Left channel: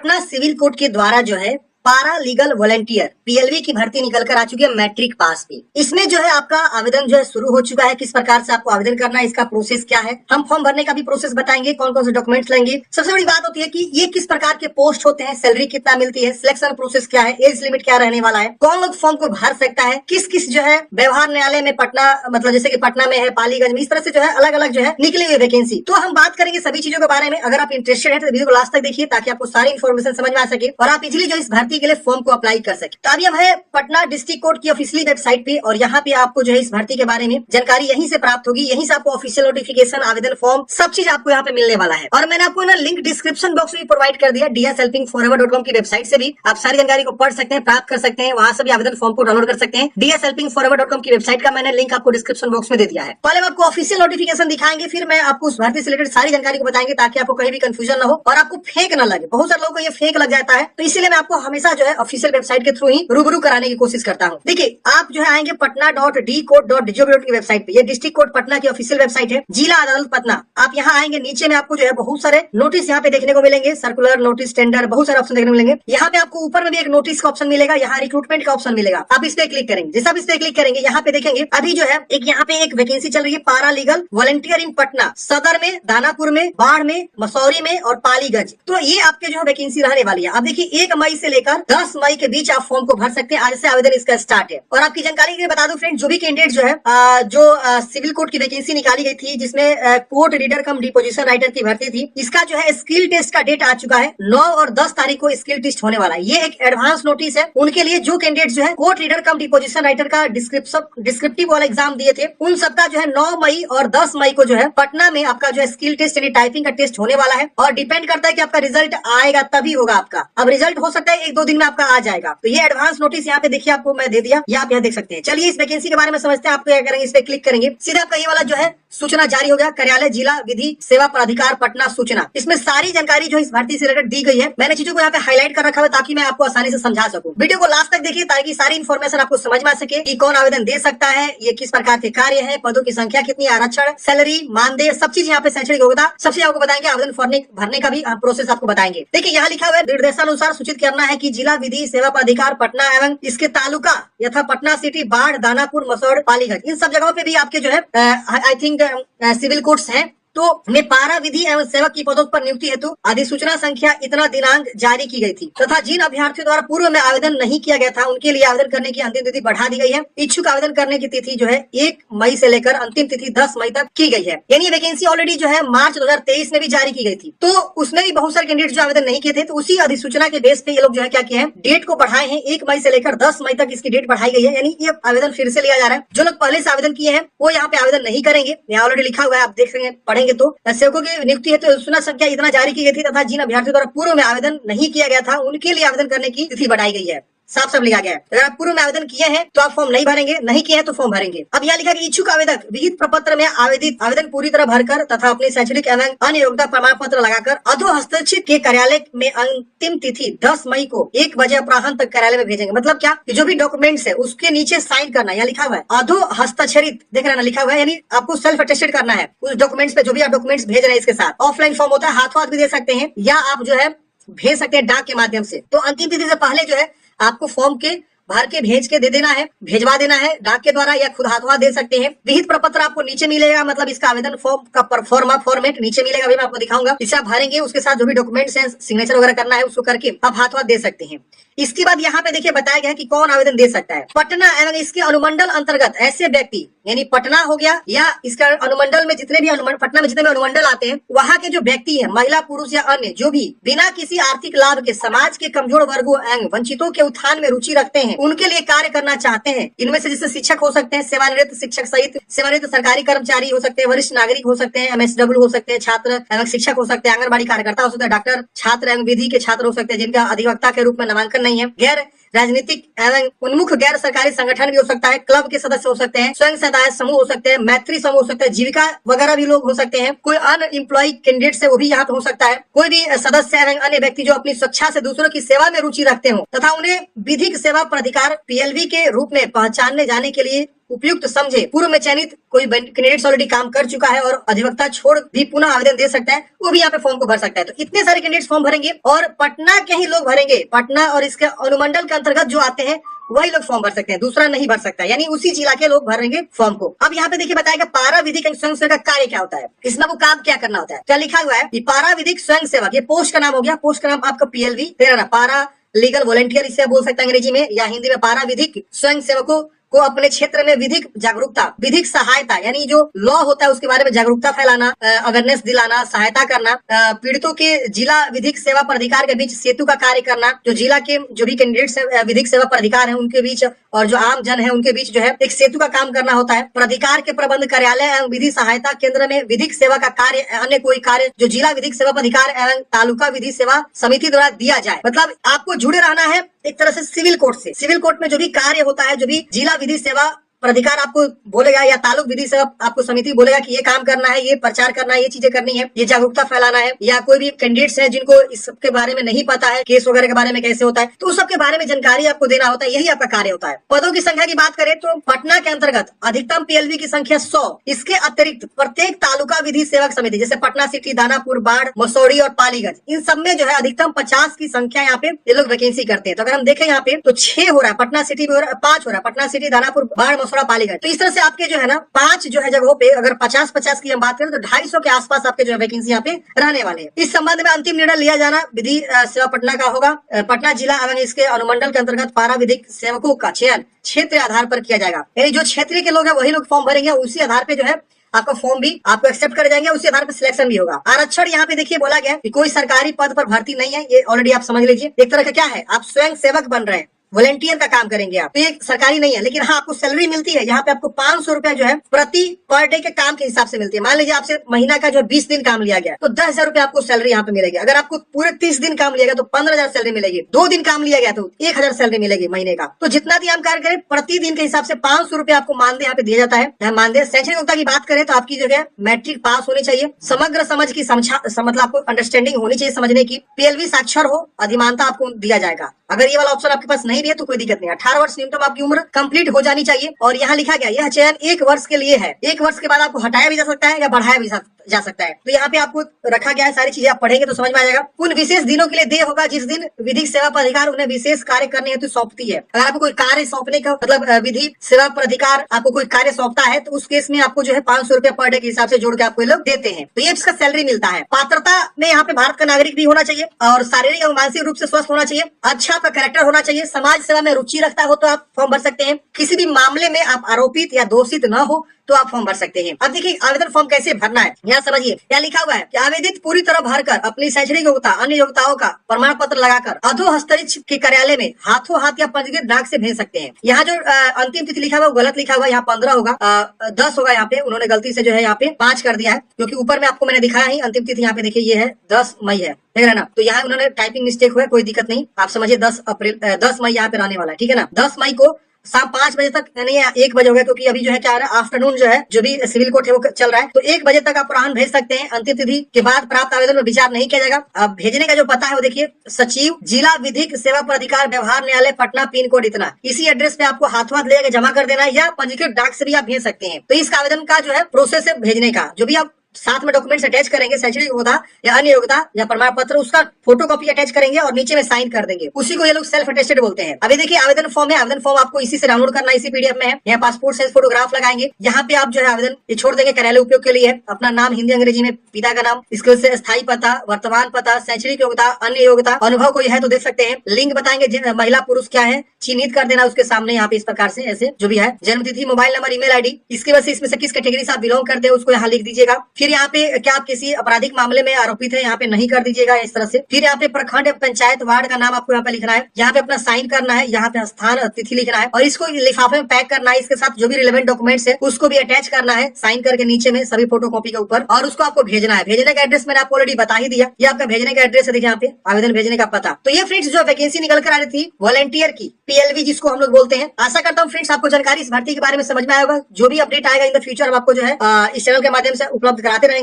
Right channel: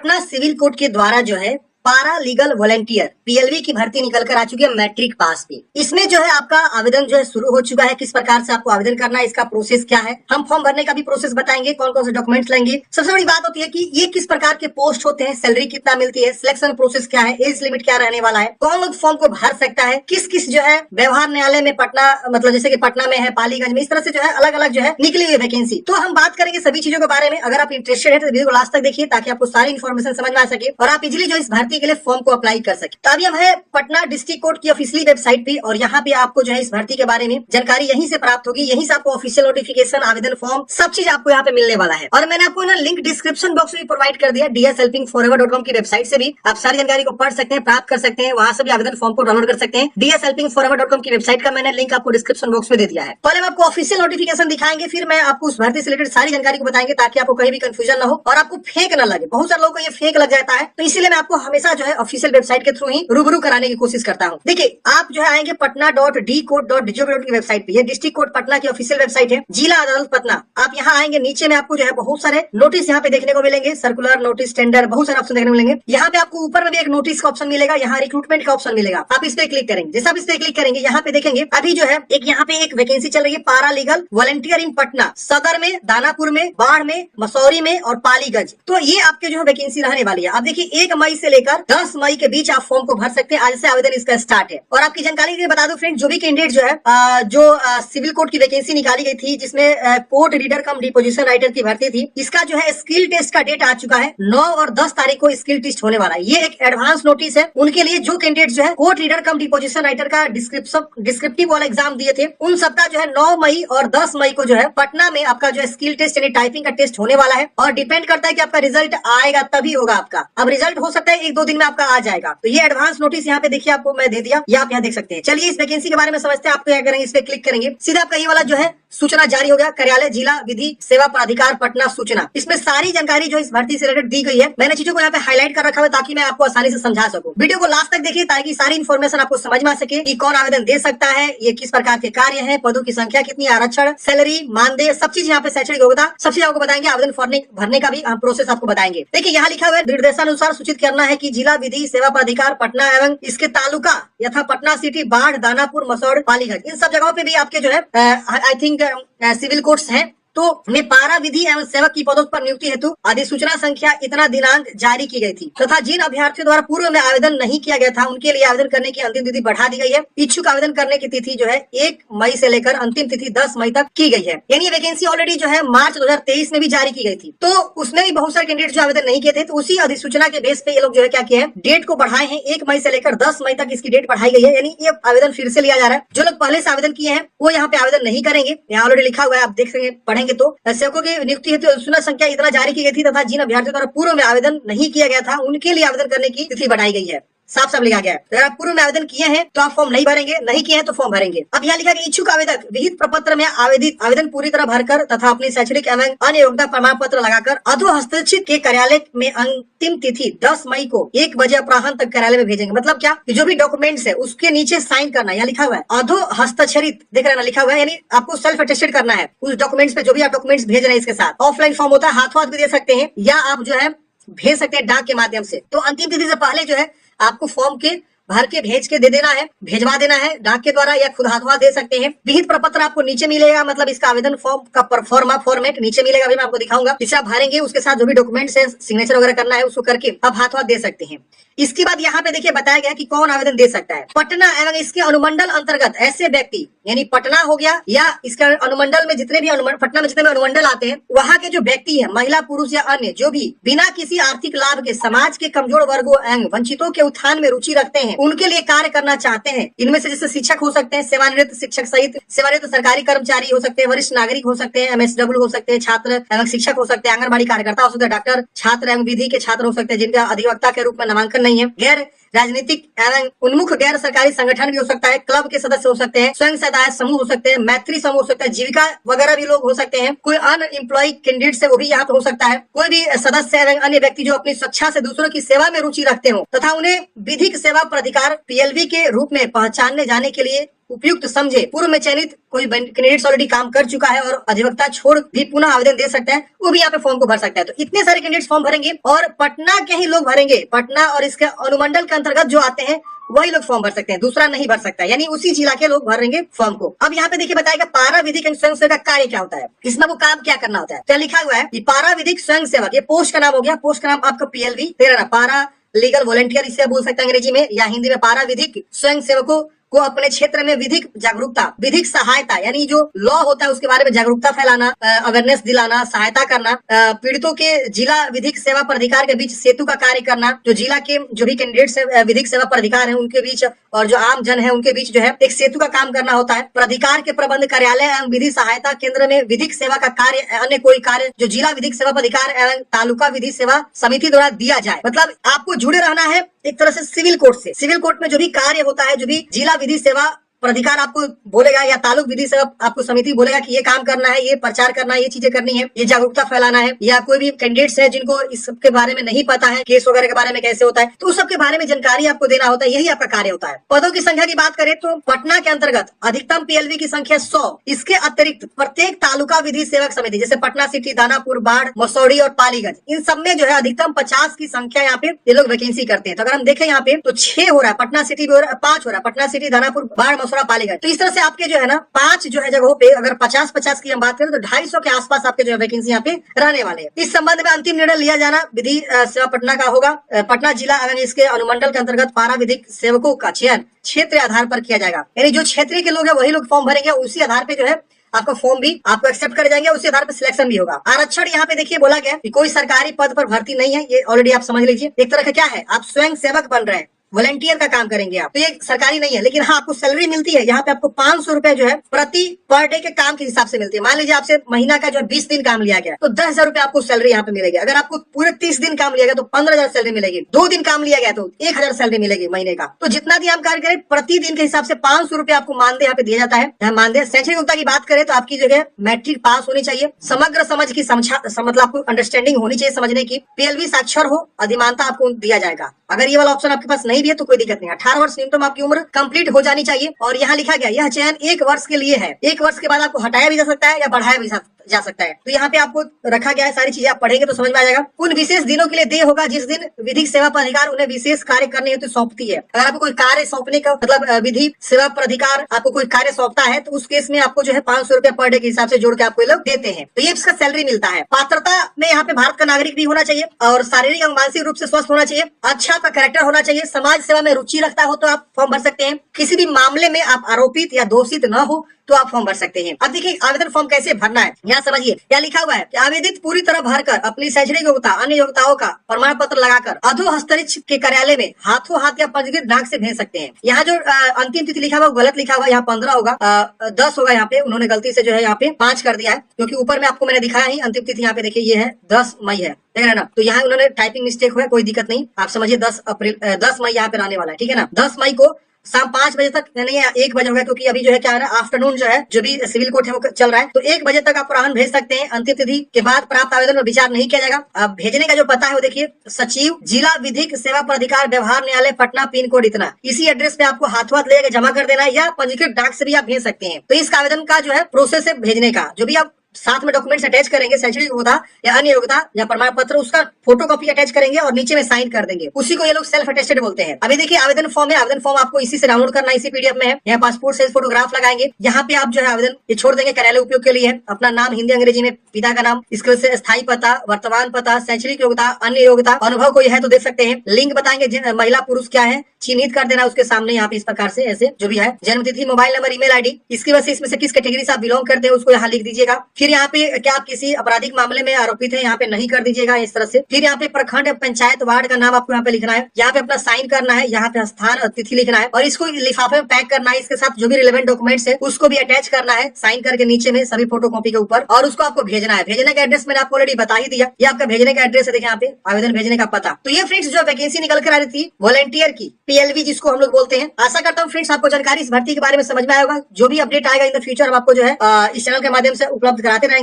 Patna civil court के द्वारा जो है पारा लीगल वॉलंटियर पीएलवी की भर्ती निकल कर आ चुकी है मैट्रिक पास पे। इसमें जो है आपका आवेदन जो है शुरू हो चुका है। किस प्रकार से आपको आवेदन करना है, इसका प्रोसेस क्या है, हम फॉर्म भरने का भी प्रोसेस बताएंगे, कौन कौन से डॉक्यूमेंट्स लेंगे। सबसे बड़ी बात होती है कि ये किस प्रकार के पोस्ट होते हैं, सैलरी कितना मिलती है, सिलेक्शन प्रोसेस क्या है, एज लिमिट क्या रहने वाला है, कौन लोग फॉर्म को भर सकता है, किस किस जो है व्यवहार न्यायालय में पटना मतलब जैसे कि पटना में है, पालीगंज में, इस तरह से जो है अलग अलग जो है निकली हुई वैकेंसी। तो हम बात करेंगे सभी चीजों के बारे में। अगर आप इंटरेस्टेड है तो वीडियो को लास्ट तक देखिए ताकि आपको सारी इन्फॉर्मेशन समझ में आ सके और आप इजिली जो इस भर्ती के लिए फॉर्म को अप्लाई कर सके। तो अभी हम है पटना डिस्ट्रिक्ट कोर्ट की ऑफिशियली वेबसाइट पे और यहाँ पे आपको जो है इस भर्ती के बारे में जानकारी यहीं से प्राप्त होगी। यहीं से आपको ऑफिशियल नोटिफिकेशन, आवेदन फॉर्म, सब चीज आपको यहाँ पे मिलने वाला है। और मैंने आपको ना लिंक डिस्क्रिप्शन बॉक्स में प्रोवाइड कर दिया। dshelpingforever.com की वेबसाइट से भी आप सारी जानकारी को पढ़ सकते हैं, प्राप्त कर सकते हैं, वहां से भी आवेदन फॉर्म को डाउनलोड कर सकते हैं। dshelpingforever.com की वेबसाइट का मैंने लिंक आपको डिस्क्रिप्शन बॉक्स में दे दिया है। पहले हम आपको ऑफिशियल नोटिफिकेशन दिखाएंगे, फिर मैं आपको उस भर्ती से रिलेटेड सारी जानकारी को बताएंगे ताकि आपको कहीं भी कंफ्यूजन न हो और आपको फेक न लगे। बहुत सारे लोगों को ये फेक लग जाता है, तो इसीलिए मैं आपको हमेशा जो है ऑफिशियल वेबसाइट के थ्रू ही रूबरू कराने की कोशिश करता हूँ। देखिए आप जो है आएंगे patna.dcourt.gov.in की वेबसाइट पे। ये डिस्ट्रिक्ट कोर्ट पटना की ऑफिशियल वेबसाइट है, जिला अदालत पटना। आप यहाँ आएंगे, नीचे में आपको जो है बहुत सारे नोटिस यहाँ पे देखने को मिलेंगे, सर्कुलर नोटिस, टेंडर, बहुत सारे ऑप्शन देखने को मिलेंगे। यहाँ पे आपको ऊपर में भी एक नोटिस का ऑप्शन मिलेगा, यहाँ रिक्रूटमेंट का ऑप्शन मिलेगा। आप इस पे क्लिक करेंगे, जैसे आप इस पे क्लिक करेंगे यहाँ पे देखेंगे अभी जो है एक यहाँ पे एक वैकेंसी चल रही है, पारा लीगल वॉलंटियर इन पटना, सदर में, दानापुर में, बाढ़ में, मसौरी में और पालीगंज। तो ये आपके जो है वैकेंसी रहने वाली है। आप देखिए 1 मई से लेकर 10 मई के बीच आप फॉर्म को भर सकते हैं। आज से आवेदन इसका स्टार्ट है। और आपकी जानकारी के लिए बता दूं फ्रेंड, जो भी कैंडिडेट जो है सिविल कोर्ट की वैकेंसी निकाली गई थी जिसमें court reader cum deposition writer की भर्ती थी, इसका जो है स्किल टेस्ट का डेट आ चुका है। 9 और 10 तारीख को स्किल टेस्ट होने वाला है। ये एक एडवांस नोटिस है उनके लिए जो कैंडिडेट जो है court reader cum deposition writer का डिस्क्रिप्टिव वाला एग्जाम दिए थे, उन सबका जो है 9 मई और 10 मई को जो है पटना में आपका जो है स्किल टेस्ट यानी टाइपिंग का टेस्ट होने वाला है। और डिपेंड करता है कि आपका रिजल्ट आएगा तभी होगा आपका। अब रिजल्ट हो सकता है 1-2 दिन में आपका आ जाएगा। तो ये एडवांस नोटिस यहाँ पे देखिए आपको मैं दे दिया, ये आप यहाँ देख सकते हैं। चलिए इस वैकेंसी के बारे में समझते हैं। आप क्या करेंगे, इस पे क्लिक करेंगे, सीधा आपका ये वाला जो है सूचना जारी हो गया, कार्यालय जिला विधि सेवा प्राधिकार पटना सूचना। इसमें सारी जानकारी जो इस भर्ती से रिलेटेड दी गई है। मैंने चीजों को यहाँ पे हाईलाइट कर रखा है ताकि मैं आपको आसानी से समझा सकूं। वीडियो को लास्ट तक देखिए ताकि सारी इन्फॉर्मेशन आपको समझ में आ सके कि कौन आवेदन दे सकता है, ये किस प्रकार के कार्य है, पदों की संख्या कितनी, आरक्षण, सैलरी, मानदेय, सब चीज यहाँ पे शैक्षणिक होगा, सब चीज आपको बताएंगे। आवेदन भरने का भी प्रोसेस आपको बताएंगे। देखिए यहाँ लिखा हुआ है निर्देशानुसार सूचित करना है कि जिला विधि सेवा प्राधिकार पटना एवं इसके तालुका यथा पटना सिटी, बाढ़, दानापुर, मसौड़, पालीगंज, इन सब जगहों पे भी आपके जो है आई थिंक सिविल कोर्ट्स हैं। तो में पारा विधि एवं सेवक की पदों पर नियुक्ति हेतु अधिसूचना संख्या इतना दिनांक जारी की गई थी तथा जिन अभ्यर्थियों द्वारा पूर्व में आवेदन नहीं किया गया था उनके लिए आवेदन करने की अंतिम तिथि बढ़ा दी गई है। इच्छुक आवेदन करने की तिथि जो है 1 मई से लेकर अंतिम तिथि 10 मई तक की गई है। यानी वैकेंसी ऑलरेडी जो है मार्च 2023 में भी जारी की गई थी, तो उसमें भी बहुत सारे कैंडिडेट जो आवेदन नहीं किए थे, तो उसी अधिसूचना के बेस पे ये लोग जो है क्या किए हैं, डेट को बढ़ाए हैं। 1 मई से लेकर 10 मई तक इसकी डेट बढ़ाई गई है। यानी ये आवेदन फिर से लिया जा रहा है। जो लोग पहले से आवेदन किए हैं वो यहाँ पे आवेदन नहीं करेंगे। यहाँ ऑलरेडी लिखा हुआ है, आप देख सकेंगे, पढ़ेंगे तो की नियुक्ति हेतु सूचना संख्या इतना जारी की गई थी तथा जिन अभ्यर्थियों द्वारा पूर्व में आवेदन नहीं किया गया था उनके लिए आवेदन करने की तिथि बढ़ाई गई है। साफ साफ लिखा गया है। अगर आप पूर्व में आवेदन किए हैं तो आप फॉर्म नहीं भरेंगे, नहीं किए हैं तो फॉर्म भरेंगे। अब यहाँ लिखा कि इच्छुक आवेदक विहित प्रपत्र में आवेदन पूरी तरह भरकर तथा अपने शैक्षणिक एवं अन्य योग्यता प्रमाण पत्र लगाकर अधो हस्ताक्षरित के कार्यालय में अंतिम तिथि 10 मई को 1 बजे अपराह्न तक कार्यालय में भेजेंगे। मतलब क्या, जो भी डॉक्यूमेंट्स है उसके नीचे साइन करना, यहाँ लिखा हुआ है अधो हस्ताक्षरित, देख रहे हैं ना, लिखा हुआ है। यानी आपको सेल्फ अटेस्टेड करना है उस डॉक्यूमेंट्स पे, जो भी आप डॉक्यूमेंट्स भेज रहे हैं इसके साथ। ऑफलाइन फॉर्म होता है, हाथों हाथ भी दे सकते हैं या आप जो है भेज सकते हैं डाक के माध्यम से। तो अंतिम तिथि से पहले जो है आपको फॉर्म के भर के भेज के दे देना है, भेजवा देना है डाक के द्वारा या खुद हाथों दे सकते हैं। विहित प्रपत्र आपको नीचे मिलेगा, मतलब इसका आवेदन फॉर्म का फॉर्मेट नीचे मिलेगा, अभी मैं आपको दिखाऊंगा। इसे आप भरेंगे, उसके साथ जो भी डॉक्यूमेंट्स हैं, सिग्नेचर वगैरह करना है उसको करके आप हाथों दे सकते हैं। इसके बाद यहाँ पे देखिए बताया गया है कि कौन आवेदन दे सकता है। पटना एवं इसके अनुमंडल अंतर्गत ऐसे व्यक्ति, यानी पटना हो गया या इसका अनुमंडल में जितने भी पटना में जितने भी अनुमंडल आते हैं, वहाँ के जो व्यक्ति है, महिला, पुरुष या अन्य, जो भी बिना किसी आर्थिक लाभ के समाज के कमजोर वर्गों एवं वंचितों के उत्थान में रुचि रखते हैं, उनके लिए कार्य करना चाहते हैं। इनमें से जैसे शिक्षक हो सकते हैं, सेवानिवृत्त शिक्षक सहित सेवानिवृत्त सरकारी कर्मचारी हो सकते हैं, वरिष्ठ नागरिक हो सकते हैं, MSW हो सकते हैं, छात्र एवं शिक्षक हो सकते हैं, आंगनबाड़ी कार्यकर्ता हो सकते हैं, डॉक्टर, छात्र एवं विधि के छात्र हो सकते हैं जिनका अधिवक्ता के रूप में नामांकन नहीं है, गैर राजनीतिक एवं उन्मुख गैर सरकारी संगठन भी हो सकता है, क्लब के सदस्य हो सकते हैं, स्वयं सहायता समूह हो सकते हैं, मैत्री समूह हो सकता है, जीविका वगैरह भी लोग हो सकते हैं, कोई अनएम्प्लॉय कैंडिडेट है वो भी यहाँ पर हो सकता है, कोई भी सदस्य एवं अन्य व्यक्ति जो अपनी स्वेच्छा से दूसरों की सेवा में रुचि रखते हो तथा उन्हें विधिक सेवा प्राधिकार PLV के रूप में पहचानने जाने के लिए उपयुक्त समझे, पूर्व में चयनित कोई कैंडिडेट्स ऑलरेडी काम कर चुका है और अधिवक्ता छोड़ भी पुनः आवेदन दे सकता है, वो भी यहाँ पे फॉर्म को भर सकता है। तो इतने सारे कैंडिडेट्स फॉर्म भरेंगे और पटना के ही लोग भरेंगे, पटना और इसके अनुमंडल के अंतर्गत जो आते हैं वही लोग फॉर्म भर सकते हैं, दूसरा नहीं भर सकता, यानी उसी जिला के लोग भरेंगे फॉर्म को। अब यहाँ पे देखिए बताएगा पारा विधिक स्वयं सेवक का कार्य क्या होता है, इसमें वो काम क्या करना होता है। क्या लिखा हुआ है कि पारा विधिक स्वयं सेवक, ये पोस्ट का नाम हो गया, पोस्ट का नाम आपका PLV, पारा लीगल वॉलंटियर इसे बोल सकते हैं अंग्रेजी में, या हिंदी में पारा विधिक स्वयं सेवकों को अपने क्षेत्र में विधिक जागरूकता, विधिक सहायता, यानी जो लॉ होता है उसके बारे में जागरूकता फैलाना, अवेयरनेस दिलाना, सहायता करना, पीड़ितों के जिला विधिक सेवा प्राधिकार के बीच सेतु का कार्य करना, जो जिला के जो भी कैंडिडेट्स हैं विधिक सेवा प्राधिकार है उनके बीच और जो आम जन है उनके बीच जो है एक सेतु का काम करना होता है। प्राधिकार के प्रबंध कार्यालय एवं विधि सहायता केंद्र में विधिक सेवा का कार्य, अन्य कोई कार्य जो जिला विधिक सेवा प्राधिकार एवं तालुका विधि सेवा समिति द्वारा दिया जाए, मतलब आपको जुड़े रहना है एक तरह से सिविल कोर्ट से। सिविल कोर्ट में जो भी कार्य होता है, जो भी जिला विधि सेवा प्राधिकार आपको बोलेगा या तालुक विधि सेवा आपको समिति बोलेगा कि ये काम करना है, ये प्रचार करना है, ये चीजें करनी है, ये जागरूकता फैलाना है, या कोई भी कैंडिडेट्स हैं जिनको इस सब के बारे में नहीं पता है, केस वगैरह के बारे में कैसे होता है, तो उस सब के बारे में जानकारी आपको देना होता है, यही आपका कार्य होता है। पदों की संख्या की बात करें तो पटना के अंतर्गत अधिकतम PLV की संख्या 100, इसके अतिरिक्त प्रत्येक तालुका विधि सेवक समिति जैसे पटना सिटी, दानापुर, बाढ़, मसौड़ी और पालीगंज, इन सब में जो है अधिकतम 50 की संख्या यहाँ पे ये लोग वैकेंसी करते हैं। तो अगर हम देखें यहाँ पे तो 6 हो रहा है, पटना सिटी भी हो रहा है, 5 हो रहा है, पटना सिटी, दानापुर, बाढ़, मसौड़ा, पालीगंज। तो इस तरह से आपके जो है ना 5 जो है जगहों पे अगर 50-50 की हम बात करें तो 250 के आसपास आपके जो है वैकेंसी यहाँ पे रहने वाले हैं। इस संबंध में अंतिम निर्णय लिया जाना विधि सेवा पटना का होगा। पटना जिला एवं इसके अनुमंडल के अंतर्गत पारा विधिक सेवकों का चयन क्षेत्र आधार पर किया जाएगा, यानी जो क्षेत्रीय के लोग हैं वही लोग फॉर्म भरेंगे, उसी आधार पे जो है आपका फॉर्म भी आपको एक्सेप्ट कर जाएंगे, उसी आधार पर सिलेक्शन भी होगा। आरक्षण यहाँ पे देखिए बोला गया कि कोई सरकारी पद पर भर्ती नहीं है, ये ऑलरेडी आप समझ लीजिए। एक तरह का क्या है, आप स्वयं सेवक बन रहे हैं, वॉलंटियर का काम करेंगे आप, तो ये सरकारी नहीं है, लेकिन हाँ आपको सैलरी मिलती है। यहाँ पे आपको 500 रुपए जो है प्रति पर डे के काम के हिसाब से मिलती है। मान लीजिए आपसे महीना का जो 20 दिन काम लिया गया तो 10,000 रुपए आपको सैलरी यहाँ पे मिलेगी। अगर आपको पूरे 30 दिन काम लिया गया तो 15,000 सैलरी मिलेगी। 2 दिन काम लिया गया तो 1,000 सैलरी मिलेगी महीने का। तो जितना भी हम कार्य करें प्रति दिन के हिसाब से 500 रुपए आपको मानदेय यहाँ पे दिया जाता है। मानदेय शैक्षणिक योग्यता की बात करें तो आपकी जगह मैट्रिक पास होनी चाहिए, समग्र समझ की मतलब आपको अंडरस्टैंडिंग होनी चाहिए समझने की, PLV साक्षर हो, अधिमानता आपको दिया जाएगा। अगर ये वाला ऑप्शन आपके पास नहीं भी है तो कोई दिक्कत नहीं, 18 वर्ष न्यूनतम आपकी उम्र कंप्लीट हो जानी चाहिए। और यहाँ लिखा गया यह चयन 1 वर्ष के लिए है, 1 वर्ष के बाद आपको हटाया भी जा सकता है या बढ़ाया भी जा सकता है। तो यहाँ पे आपको रखा गया है, सारी चीजें आप पढ़ेंगे तो समझ में आ जाएगा। उन विशेष दिनों के लिए देय होगा जिस दिन विधिक सेवा प्राधिकार उन्हें विशेष कार्य करने हेतु सौंपती है। अगर आपको कोई कार्य सौंपने का मतलब विधि सेवा प्राधिकार आपको कोई कार्य सौंपता है तो उस केस में आपको जो है 500 रुपया पर डे के हिसाब से जोड़ के आपको लोग देते हैं। तो ये इसका सैलरी मिलता है। पात्रता में यहाँ पे भारत का नागरिक भी होना चाहिए और शारीरिक एवं मानसिक रूप से स्वस्थ होना चाहिए, अच्छा आपका कैरेक्टर होना चाहिए, समाज सेवा में रुचि रखता हो तो आप फॉर्म भर सकते हैं, किसी भी मामले में आप आरोपित या दोषित न हो तो आप फॉर्म भर सकते हैं। अब देखिए आवेदन फॉर्म कैसे भरना है, यहाँ समझिए क्या लिखा हुआ है कि आवेदित पूरी तरह भरकर अपनी शैक्षणिक योग्यता अन्य योग्यताओं का प्रमाण पत्र लगाकर अधोहस्तरीक्ष के कार्यालय में हाथों हाथ या पंजीकृत डाक से भेज सकते हैं। यहाँ जो अंतिम तिथि लिखा हुआ गलत लिखा हुआ, यहाँ 15 होगा, 10 होगा, यहाँ पे उन्होंने गलती से जो है यहाँ पे 5 कर दिया है, क्योंकि ऊपर में आपको मैंने दिखाया ही अंतिम तिथि यहाँ पे देखिए ये है 10 मई है, देख रहे ना। तो यहाँ उन्होंने टाइपिंग मिस्टेक हुआ, कोई दिक्कत नहीं, आप समझिए 10 मई यहाँ पे रहने वाला है, ठीक है ना। 10 मई को शाम 5 बजे तक, नहीं 1 बजे होगा, क्योंकि अभी जो है क्या है ना आफ्टरनून जो है जो भी सिविल कोर्ट है वो चल रहा है, तो 1 बजे तक आप पुराण भेज सकते हैं। अंतिम तिथि के बाद प्राप्त आवेदन में विचार नहीं किया जाएगा। अब भेजने का जो पता है वो देखिए, सचिव जिला विधिक सेवा प्राधिकार व्यवहार न्यायालय पटना, पिन कोड इतना, इसी एड्रेस पे आपको हाथों हाथ लेके जमा कर देना है या पंजीकृत डाक से भी आप भेज सकते हैं। तो इस आवेदन का जो है प्रोसेस है भेजने का, जो भी आप साथ में डॉक्यूमेंट्स अटैच करेंगे, शैक्षणिक योग्यता या अन्य योग्यता या प्रमाण पत्र, उसका फोटोकॉपी अटैच करेंगे और नीचे में साइन कर देंगे, उसी को ये लोग सेल्फ अटेस्टेड बोलते हैं। अभी देखिए आवेदन फॉर्म है, आवेदन फॉर्म आपको इसी से डाउनलोड करना है, इसी PDF में है। यहाँ पासपोर्ट साइज फोटोग्राफ लगाएंगे, यहाँ पे आप जो है आवेदन ये छोड़ देंगे, कार्यालय उपयोग के लिए है, अपना नाम हिंदी अंग्रेजी में, पिता का नाम, इसके वजह से स्थायी पता, वर्तमान पता, शैक्षणिक योग्यता, अन्य योग्यता, अनुभव कोई है तो देख सकते हैं, लिंग बताएंगे, महिला पुरुष क्या है चिन्हित कर देना उसके सामने, यहाँ पे इस प्रकार से ऐसे जो भी है, जन्म तिथि, मोबाइल नंबर, ईमेल ID, इसकी वजह से इसमें से किस कैटेगरी से आप बिलोंग करते हैं उसको यहाँ लिख दीजिएगा। फिर यहाँ पे क्या आप किसी आपराधिक मामले में आरोपित है, यहाँ पे नहीं कर दीजिएगा इस तरह से। फिर यहाँ पे प्रखंड, पंचायत, वार्ड का नाम आपको यहाँ पे लिखना है, यहाँ पे अपना साइन करना है, यहाँ पे स्थान, तिथि लिखना है और इसको लिफाफे में पैक करना है। इसके साथ जो भी रिलेवेंट डॉक्यूमेंट्स है उसको भी अटैच करना है, साइन करके नीचे में सभी फोटोकॉपी के ऊपर, और उसको आपको भेजना है। भेजने का एड्रेस मैंने आपको ऑलरेडी बता ही दिया, ये आपका भेजने का एड्रेस है, देखिए यहाँ पे आवेदन भेजने का पता। तो ये फ्रेंड्स जो वैकेंसी निकल कर आ रही थी वॉलंटियर की, PLV जिसको हम लोग बोलते हैं। आशा करता हूँ फ्रेंड्स आपको जानकारी इस भर्ती के बारे में समझ में आएगा। जो भी अपडेट आएगा इन द फ्यूचर हम आपको जो है इस चैनल के माध्यम से उपलब्ध कराते रहेंगे।